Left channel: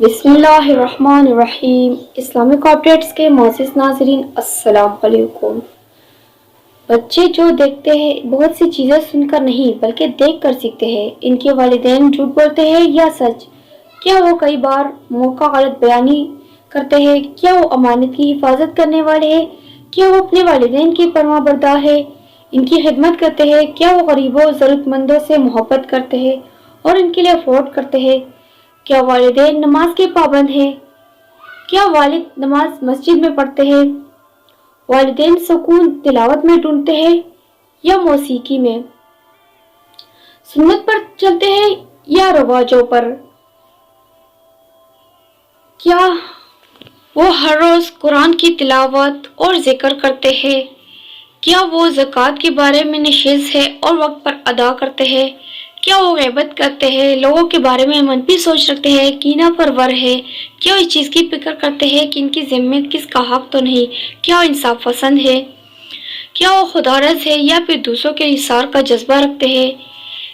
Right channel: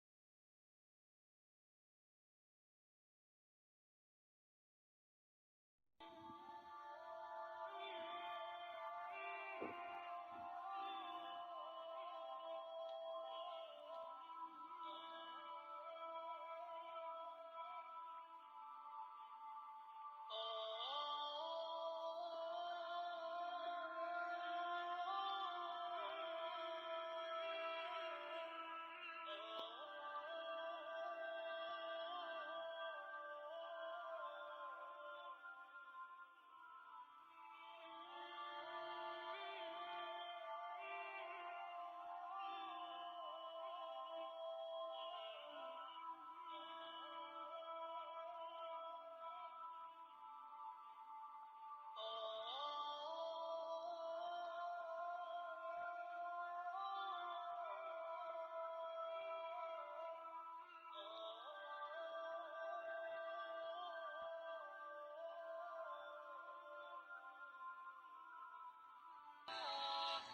بسم اللہ الرحمن الرحیم۔ اسلامک اپڈیٹس کے معزز ناظرین السلام علیکم۔ بچے جو دیکھتے ہیں بہت سی چیزیں سن کر نہیں بلکہ دیکھ کر سیکھتے ہیں۔ ان کے والدین جھوٹ بولتے ہیں یا سچ؟ کیا وہ کئی بار موقع غلط بیانی کرتے ہیں؟ کیا وہ امانت کی حفاظت کرنے والے ہیں؟ کیا وہ اپنے والدین کی فرما بردار ہے، ان کی خدمت کرتے ہیں؟ کیا وہ غریبوں ضرورت مندوں سے محبت کرتے ہیں اور ان کے لیے افورڈ کرتے ہیں؟ کیا والدین نماز کے پابند ہیں؟ کیا والد نماز مسجد میں پڑھتے ہیں؟ والدین سکون تلاوت میں ڈھونڈتے ہیں یا موسیقی میں؟ سنت پر چلتے ہیں یا رواجوں پر؟ کیا وہ ہر روز قرآن کی تلاوت اور ذکر کرتے ہیں؟ کیا وہ زکوٰۃ کے بارے میں نشیز ہے اور وقت پر ادا کرتے ہیں؟ کیا وہ غیبت کرتے ہیں، لوگوں کے بارے میں منفی سوچ رکھتے ہیں، کینہ پرور ہے؟ کیا وہ اس چیز کی فکر کرتے ہیں کہ ان کی ذمہ کس کا حق تو نہیں؟ کیا وہ انصاف پسند ہے؟ کیا وہ خودغرض ہے یا پھر دوسروں کے اثار کا جذبہ رکھتے ہیں؟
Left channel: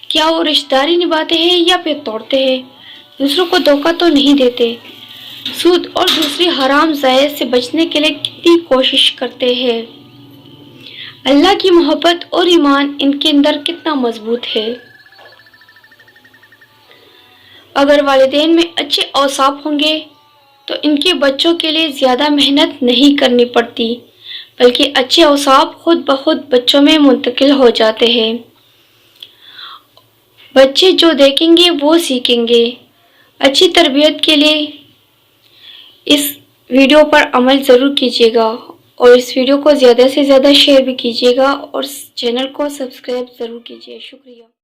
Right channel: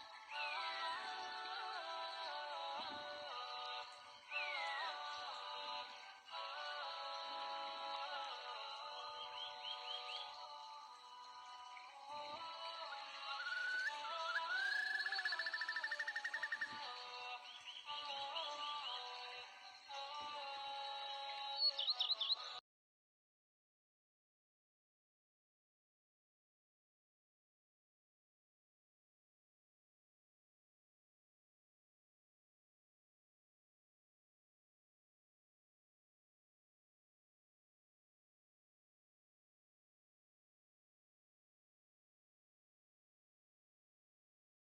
کیا وہ رشتہ داری نبھاتے ہیں یا پھر توڑتے ہیں؟ دوسروں کو دھوکہ تو نہیں دیتے؟ سود اور دوسری حرام زائد سے بچنے کے لیے کتنی کوشش کرتے ہیں؟ اللہ کی محبت اور ایمان ان کے اندر کتنا مضبوط ہے؟ اگر والدین میں اچھے اوصاف ہوں گے تو ان کے بچوں کے لیے زیادہ محنت نہیں کرنی پڑتی، بلکہ اچھے اوصاف خود بخود بچوں میں منتقل ہو جاتے ہیں۔ بچے جو دیکھیں گے وہ سیکھیں گے۔ اچھی تربیت کے لیے اس ویڈیو پر عمل ضرور کیجیے گا اور اس ویڈیو کو زیادہ سے زیادہ شیئر بھی کیجیے گا اور چینل کو سبسکرائب ضرور کیجیے۔ شکریہ۔